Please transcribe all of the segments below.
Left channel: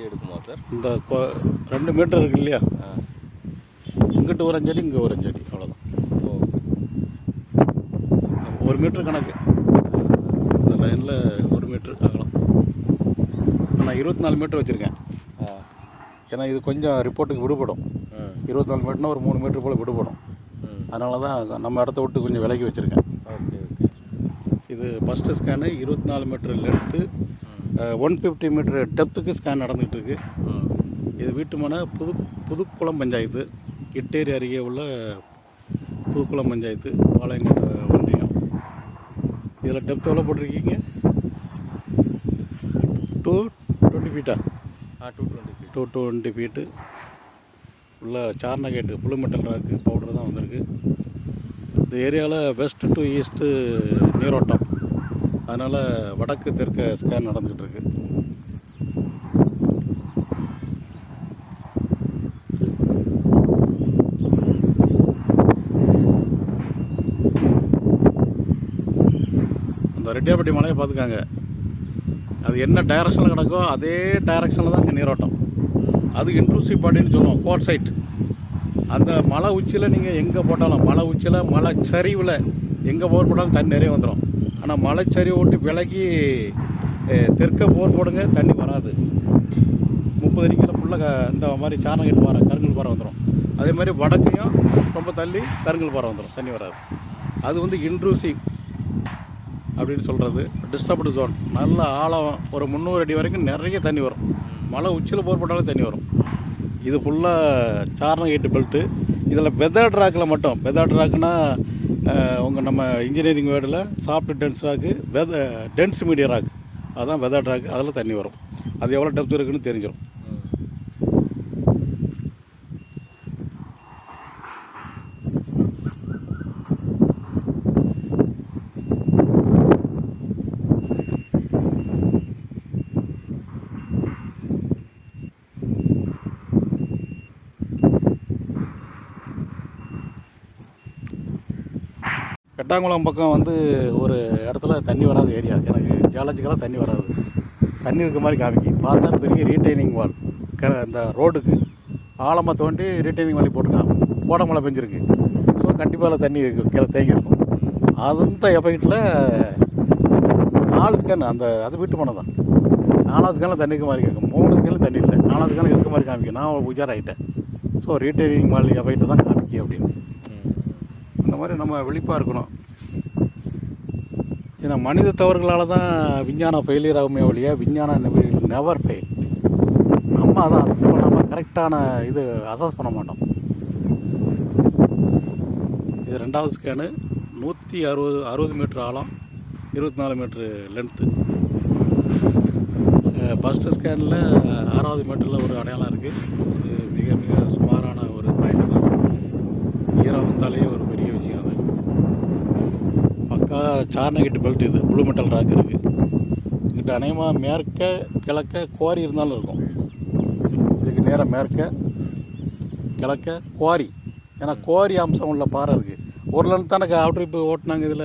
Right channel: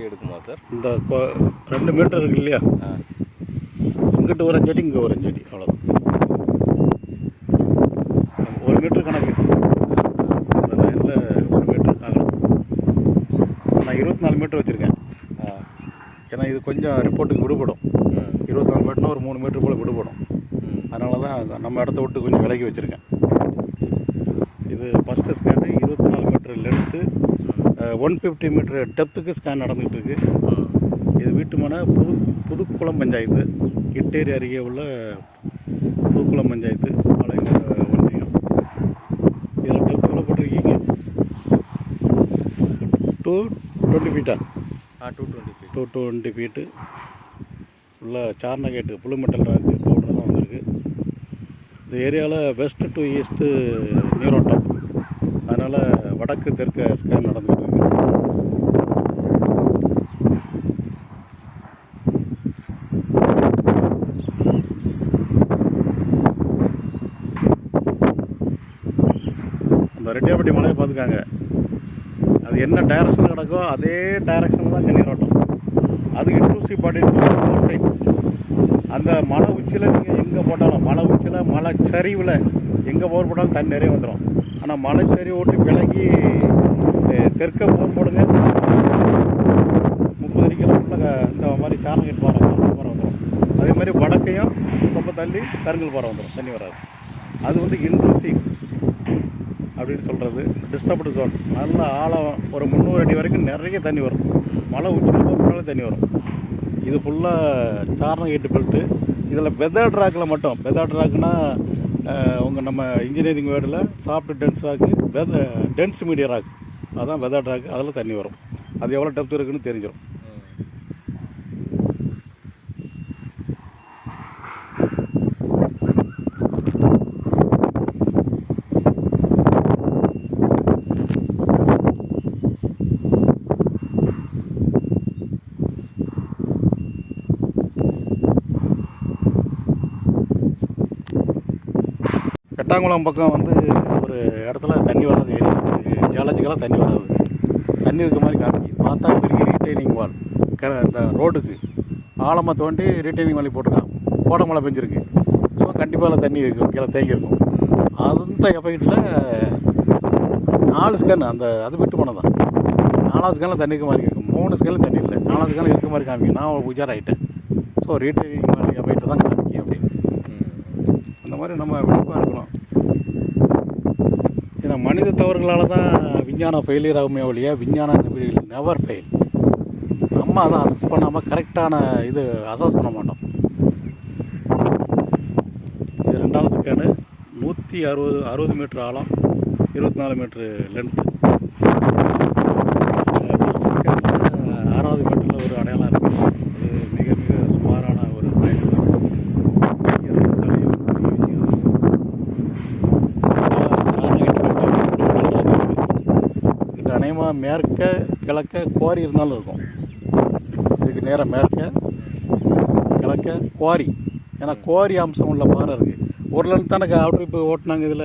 அடி எடுக்குமா சார்? இந்த கொ- ரெண்டு மீட்டர் இருக்கு இல்லையா? இங்கிட்டு ஒரு அஞ்சடி இங்கே ஒரு அஞ்சடி அவ்வளோதான் ஒரு மீட்ரு கணக்கு. இந்த லைனில் ஒரு மீட்ரு அகலம் இப்போ நான் இருபத்தி நாலு மீட்டர் வச்சுருக்கேன். ஏன்னா இது கொஞ்சம் ரிப்போர்ட்டுக்கு விடுபடும். இருபத்தி நாலு மீட்டர்னா ஒரு மூணு மீட்டர் போல் விடுபடும். அதனால தான் நம்ம இடத்த விட்டு கொஞ்சம் விலகி வச்சுருக்கேன். இது ஃபஸ்ட்டு ஸ்கேனு இருபத்தி நாலு metre length one fifty metre டெப்த்துக்கு scan நடந்துகிட்டு இருக்கு ம். இது வீட்டுமனை புது புதுக்குளம் பஞ்சாயத்து. இட்டேரி அருகே உள்ள புதுக்குளம் பஞ்சாயத்து பாளையங்கோட்டை ஒன்றியம் இதில் டெப்த் எவ்வளோ போட்டிருக்கீங்க? Two twenty ஃபீட்டா two twenty two twenty feet உள்ள சார்ன கேட்டு புளு மெட்டல் ராக்கு பவுடர் தான் வந்திருக்கு. இந்த ஏரியாவில் வெஸ்ட்டு டு ஈஸ்ட்டு நீரோட்டம். அதனால் வடக்கு தெற்க ஸ்கேன் நடந்துகிட்டு இருக்கு. அந்த ரெட்டியாப்பட்டி மலையை பார்த்துக்காங்க. அது என்ன டைரக்ஷனில் கிடக்கோ அதே டைரக்ஷனில் தான் இங்கே நீரோட்டம். அது இன்க்ளூசிவ் பாடின்னு சொல்லுவோம் கோட் சைட் அந்த மலை உச்சியில் நீங்கள் எங்கே போட்டாலும் மலை உச்சியில் மலை சரிவில் எங்கே போர் போட்டாலும் தண்ணி நிறைய வந்துடும் ஆனால் மலை சரி விட்டு விலகி தெற்க போர் போடுங்க தண்ணி வராது முப்பது அடிக்கில் ஃபுல்லாக இந்த மாதிரி சாரணகட் பாறை கருங்கல் பாறை வந்துடும் அதே மாதிரி வடக்கையும் ரொம்ப தள்ளி கருங்கல் பாறை வந்துடும் தண்ணி வராது. அது வந்து இன்ட்ரூசிவ் அப்படின்னு சொல்கிறது டிஸ்டர்ப்டு ஜோன் நல்ல ஆழம் ஒரு முந்நூறு அடி வரைக்கும் நிறைய தண்ணி வரும். மலை உச்சியில் போர் போட்டாலே தண்ணி வரும். இது ஃபுல்லாக சாரணகேட்டு பெல்ட்டு இதில் வெதர் ட்ராக்கில் மட்டும் வெதர் ட்ராக்குன்னா உங்கள் நம்ம இன்ஜினியரிங் வேர்டில் சாஃப்ட் டென்ஸ் ராக்கு வெத டென்ஸ் மீடியா ராக் அதுதான் வெதர் ட்ராக் அதில் தண்ணி வரும். அது எவ்வளோ டெப்த் இருக்குன்னு தெரிஞ்சிடும் கட்டாங்குளம் பக்கம் வந்து ஒரு இடத்துல தண்ணி வராத ஏரியா. எனக்கு ஜியாலஜிக்கலாக தண்ணி வராது. தண்ணி இருக்க மாதிரி காமிக்கி. பார்த்தா பெரிய ரீட்டைனிங் வால் க இந்த ரோடுக்கு ஆழமாக தோண்டி ரீட்டைனிங் வாலி போட்டிருக்கான். கோடை மழை பெஞ்சிருக்கு. ஸோ கண்டிப்பாக அதில் தண்ணி இருக்கும். கீழே தேங்கி இருக்கும். அந்த எஃபெக்டில் நாலு ஸ்கேன் அந்த அது விட்டு போனது தான் நாலாவது ஸ்கேனில் தண்ணி இருக்க மாதிரி இருக்கும். மூணு ஸ்கேனில் தண்ணி இல்லை. நாலாவது ஸ்கேனில் இருக்க மாதிரி காமிக்கும் நான் உஜாராயிட்டேன். ஸோ ரீட்டைனிங் வாலி எஃபெக்ட் தான் காமிக்கும் அப்படின்னு. அந்த மாதிரி நம்ம விழிப்பாக இருக்கணும். ஏன்னா மனித தவறுகளால் தான் விஞ்ஞானம் ஃபெயிலியர் ஆகுமே ஒழிய விஞ்ஞானம் நெவர் ஃபெயில் நம்ம அதை அசஸ் பண்ணாமல் கரெக்டான இது அசஸ் பண்ண மாட்டோம். இது ரெண்டாவது ஸ்கேனு நூற்றி அறுபது அறுபது மீட்ரு ஆழம் இருபத்தி நாலு மீட்ரு லென்த்து ஃபஸ்ட்டு ஸ்கேனில் ஆறாவது மீட்டரில் ஒரு அடையாளம் இருக்குது அது மிக மிக சுமாரான ஒரு பாயிண்ட் தான் ஈரம் வந்தாலே ஒரு பெரிய விஷயம் அது பக்கா சார்னகிட்டு பெல்ட் இது புளு மெட்டல் ராக் இருக்குது இங்கிட்ட அநேகமாக மேற்க கிழக்க குவாரி இருந்தாலும் இருக்கும். இதுக்கு நேராக மேற்க கிழக்க குவாரி. ஏன்னா குவாரி அம்சம் உள்ள பாறை இருக்குது ஒரு லென்த் தானே அவுட்டர் வைப்பு ஓட்டினாங்க இதில்?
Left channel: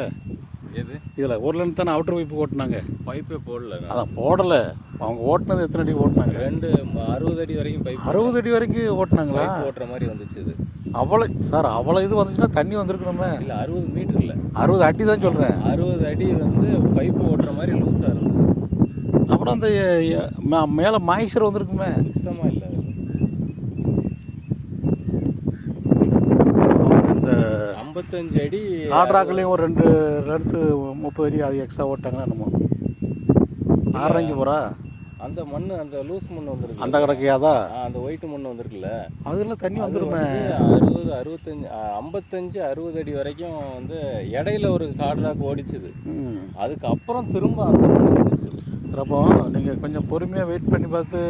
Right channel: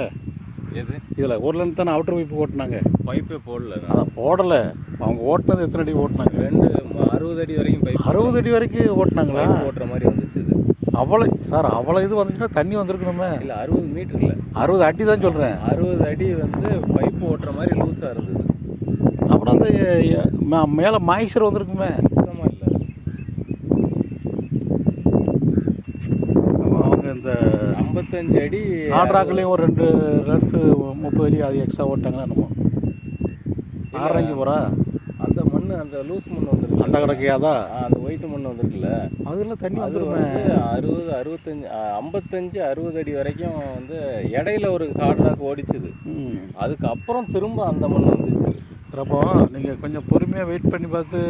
இதில் ஒரு லென்த் தானே அவுட்டர் வைப்பு ஓட்டினாங்க. பைப்பே போடல. அதான் போடலை. அவங்க ஓட்டினது எத்தனை அடி ஓட்டினாங்க? ரெண்டு அறுபது அடி வரைக்கும் அறுபது அடி வரைக்கும் ஓட்டினாங்களா? ஓட்டுற மாதிரி வந்துச்சு இது. அவ்வளோ சார் அவ்வளோ இது வந்துச்சுன்னா தண்ணி வந்திருக்கணுமே. இல்லை அறுபது மீட்டர் இல்லை. அறுபது அடி தான் சொல்கிறேன் அறுபது அடி வந்து பைப்பு ஓட்டுற மாதிரி லூஸாக இருந்தது. அப்புறம் அந்த மேலே மாய்ச்சர் வந்திருக்குமே. இந்த ஐம்பத்தஞ்சு அடி ஆட்ராக்களையும் ஒரு ரெண்டு ரெண்டு முப்பது அடி அது எக்ஸ்ட்ரா ஓட்டாங்கன்னா என்னமோ. ஆறு அஞ்சு போகிறா அந்த மண் அந்த லூஸ் மண் வந்துருக்கு. அந்த கிடக்கையாதா அந்த ஒயிட் மண் வந்திருக்குல்ல. அதில் தண்ணி வந்துருமே. வந்து அறுபது அறுபத்தஞ்சு ஐம்பத்தஞ்சு அறுபது அடி வரைக்கும் வந்து இடையில ஒரு ஹார்ட்லாக் ஓடிச்சுது. அதுக்கப்புறம் திரும்ப அந்த மண் வந்துச்சு சிறப்போ. நீங்கள் கொஞ்சம் பொறுமையாக வெயிட் பண்ணி பார்த்து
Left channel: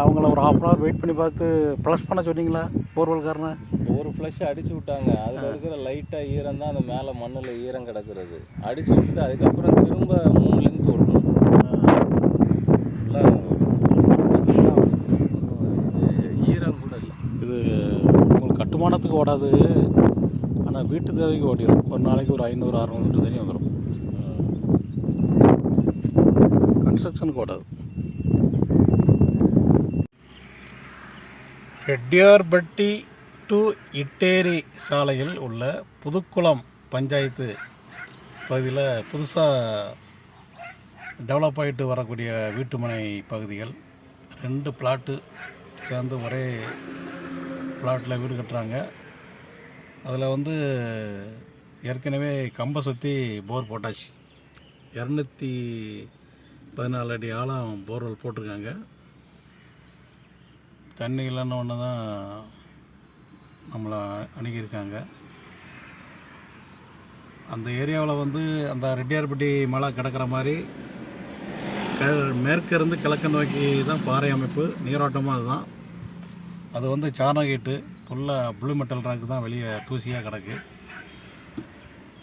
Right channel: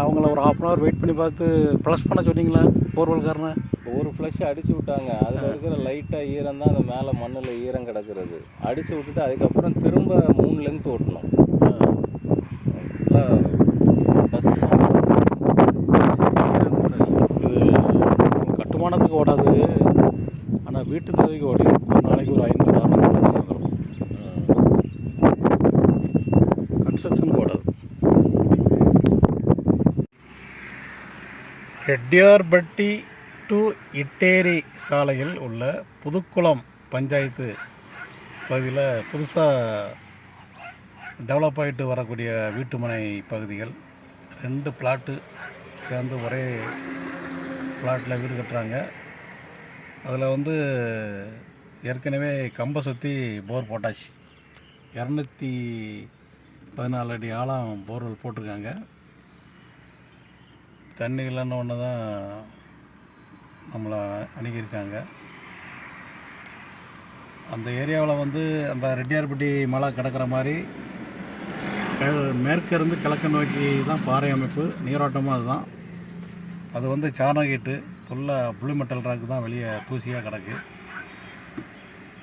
அவங்கள ஒரு ஹாஃப் அன் ஹவர் வெயிட் பண்ணி பார்த்து ப்ளஸ் பண்ண சொன்னீங்களா போர்வெல்காரனை ஒரு ஃப்ளஷ் அடிச்சு விட்டாங்க. அதில் இருக்கிற லைட்டாக ஈரம் தான் அந்த மேலே மண்ணில் ஈரம் கிடக்கிறது. அடிச்சு விட்டுட்டு அதுக்கப்புறம் திரும்ப மூணு லென்த் ஓட்டணும். இல்லை. இது கட்டுமானத்துக்கு ஓடாது. ஆனால் வீட்டு தேவைக்கு ஓடிடும் ஒரு நாளைக்கு ஒரு ஐநூறு அறுநூறு தண்ணி வந்துடும் ம். கன்ஸ்ட்ரக்ஷனுக்கு ஓடாது ரெட்டியார்பட்டி டு இட்டேரி சாலையில் உள்ள புதுக்குளம் பஞ்சாயத்து பகுதியில் புதுசாக டெவலப் ஆகிட்டு வரக்கூடிய வீட்டுமனை பகுதிகள் ரெண்டு பிளாட்டு சேர்ந்து ஒரே பிளாட்டில் வீடு கட்டுறாங்க அதில் வந்து ஏற்கனவே கம்பை சுற்றி போர் போட்டாச்சு இரநூத்தி பதினாலு அடி ஆழம் போர்வெல் போட்டிருக்காங்க. தண்ணி இல்லைன்னு ஒன்று தான் நம்மளை அணுகியிருக்காங்க. அந்த ஏரியாவில் வந்து அந்த ரெட்டியார்பட்டி மலை கிடக்கிற மாதிரி மேற்கிருந்து கிழக்கு நோக்கி தான் பாறை அமைப்பு. நீரோட்டமும் அதுதான். அது வந்து சாணகீட்டு ஃபுல்லாக புளி மெட்டல் ராக்கு தான் வெளியே தூசியாக கிடக்கு.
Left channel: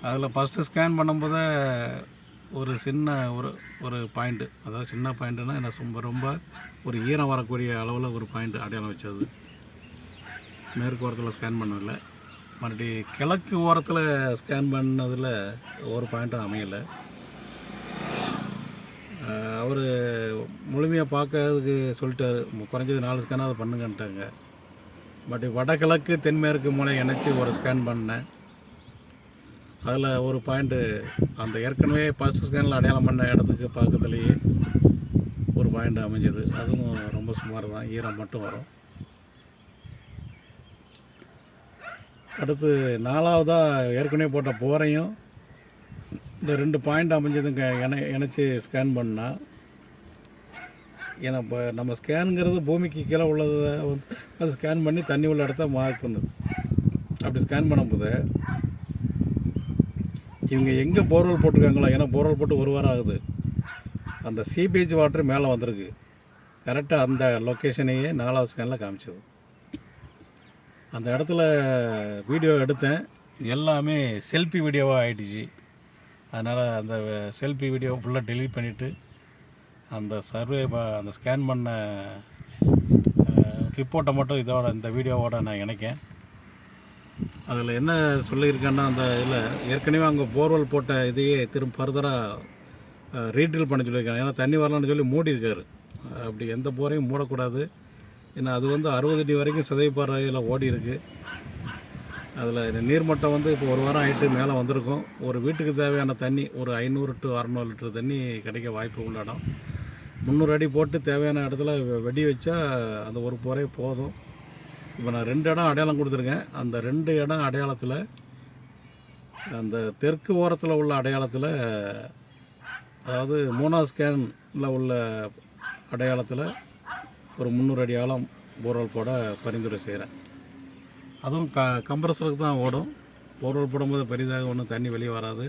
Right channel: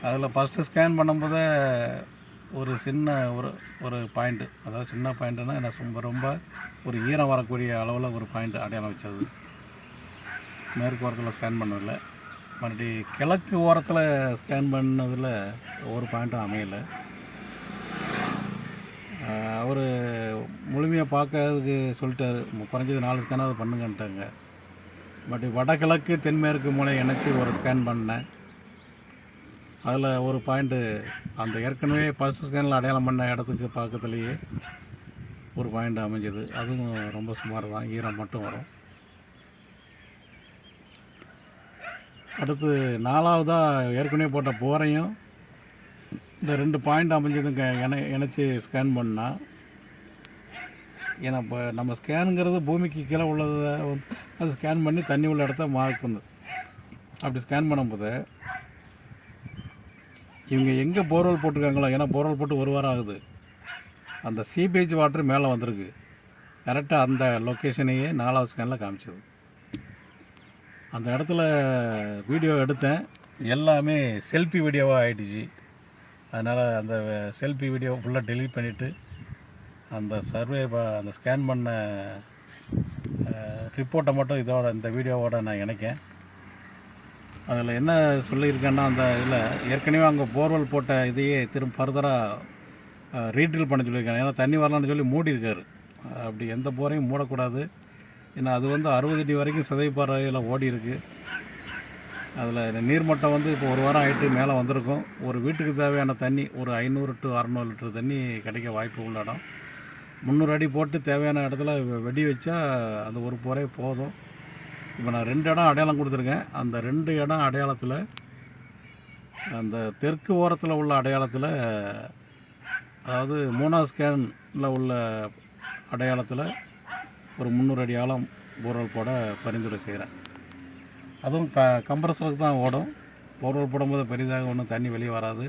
அதில் ஃபஸ்ட்டு ஸ்கேன் பண்ணும்போதே ஒரு சின்ன ஒரு ஒரு பாயிண்ட்டு அதாவது சின்ன பாயிண்ட்டுனா என்ன ரொம்ப ரொம்ப ஒரு ஈரம் வரக்கூடிய அளவில் ஒரு பாயிண்ட் அடையாளம் வச்சது. மேற்கு ஓரத்தில் ஸ்கேன் பண்ணதில்ல மறுபடி கிழக்கு ஓரத்தில் ஸ்கேன் பண்ணதில் ஒரு பாயிண்ட்டும் அமையலை. அவர் முழுமையாக பார்க்கறதுக்கு சொல்லிட்டாரு. குறைஞ்சது நாலு ஸ்கேனாவது பண்ணுங்கன்ட்டாங்க. பட் வடகிழக்கு தென்மேற்கு மூலம் இணைச்சி ஒரு ஸ்கேன் பண்ணேன். அதில் ஒரு பாயிண்ட்டு அந்த ஏற்கனவே ஃபஸ்ட் ஸ்கேனில் அடையாளம் பண்ண இடத்துக்கு பக்கத்துலேயே ஒரு பாயிண்ட் அமைஞ்சது. அதுவும் ரொம்ப சுமார் தான் ஈரம் மட்டும் வரும். அடுத்து நாலாவதாக ஏற்கனவே போட்ட போரையும் இந்த ரெண்டு பாயிண்ட் அமைஞ்சதுங்க இணை இணைச்சி ஸ்கேன் பண்ணால் ஏன்னா இப்போ நம்ம ஸ்கேனுங்கிறது பூமிக்கு கீழே உள்ளதை வந்து அது ஸ்கேன் பண்ணி தண்ணி உள்ள இடத்த மார்க் பண்ணுது. அப்படி ஸ்கேன் பண்ணும்போது இவங்க எங்கே போர்வெல் போட்டிருக்காங்களோ ஏன்னா போர்வெல் போட்டு ஒரு வாரம் ஆகுது. அந்த சீபேஜ் வாட்டர் மேலே வந்திருக்கு. கரெக்டாக அந்த லொக்கேஷனையே நாலாவது ஸ்கேனில் காமிச்சது. அந்த இடத்துல வீடியோ எடுத்தேன். எல்லாமே செல்ஃபி வீடியோவாக ஆகிடுச்சு அதனால் அந்த செல்ஃபி வீடியோ ஃபுல்லாக டெலீட் பண்ணிவிட்டு அந்த சர்வே அந்த ஸ்கேன் பண்ண ரிப்போர்ட்டை மட்டும் இதோட இந்த வீடியோவோட நான் இணைக்கேன். அதில் என்ன சொல்லியிருக்கேன்னா அந்த இதில் ஏற்கனவே அங்கே போர்வெல் போட்ட இதையே திரும்ப ஃபர்தராக ரீட்ரில் பண்ண சொல்லியிருக்காங்க. ஏன்னா தண்ணி வரலான்னு சொல்லி மூடியிருக்காரு. அப்படி எந்த போரையும் மூடக்கூடாது. ஏன்னா அது வந்து அறுபது அடி வரைக்கும் சிதைப்பாறையில் ஓடி இருக்குது அதில் நீர்மட்டம் வந்து இப்போ ஒரு வாரம் ஆகிட்டு மேலே வந்திருக்கும். ஒரு வீட்டுக்கு தேவையான தண்ணி ஒரு ஐநூறு டு அறநூறு லிட்டர் தண்ணி கிடைக்க வாய்ப்பு உள்ள இடம். முந்நூறு அடி போட்டு தேவையான இடத்துல வெடி வச்சா அந்த ஒரு போரே போதும். இப்போ நான் ரெண்டு இடம் அடையாளம் கொடுத்துருக்கேன். அந்த ரெண்டு இடம் அடையாளத்தில் அந்த தெற்கு ஓரத்தில் உள்ள அடையாளத்தில் அதாவது மூணாவது ஸ்கேனில் உள்ள அடையாளத்தில் ஒரு முந்நூறு அடி ஆழம் போர்வெல் போட பரிந்துரை செய்கிறேன் அதுவும் க கம்ப்ரஸருக்கு தான் ஓடும். போர்வெல் போடும்போது பெரிதாக ஒன்றும் தண்ணி வெளியே வராது.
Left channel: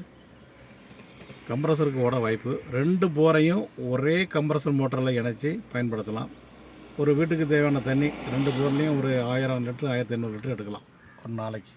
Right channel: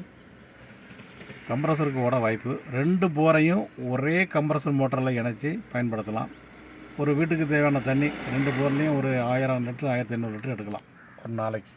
கம்ப்ரஸருக்கு ஓட வாய்ப்பு. ரெண்டு போரையும் ஒரே கம்ப்ரஸர் மோட்டரில் இணைச்சி பயன்படுத்தலாம். ஒரு வீட்டுக்கு தேவையான தண்ணி ரெண்டு போர்லேயும் ஒரு ஆயிரம் லிட்டரு ஆயிரத்தி ஐநூறு லிட்டரு எடுக்கலாம். ஒரு நாளைக்கு.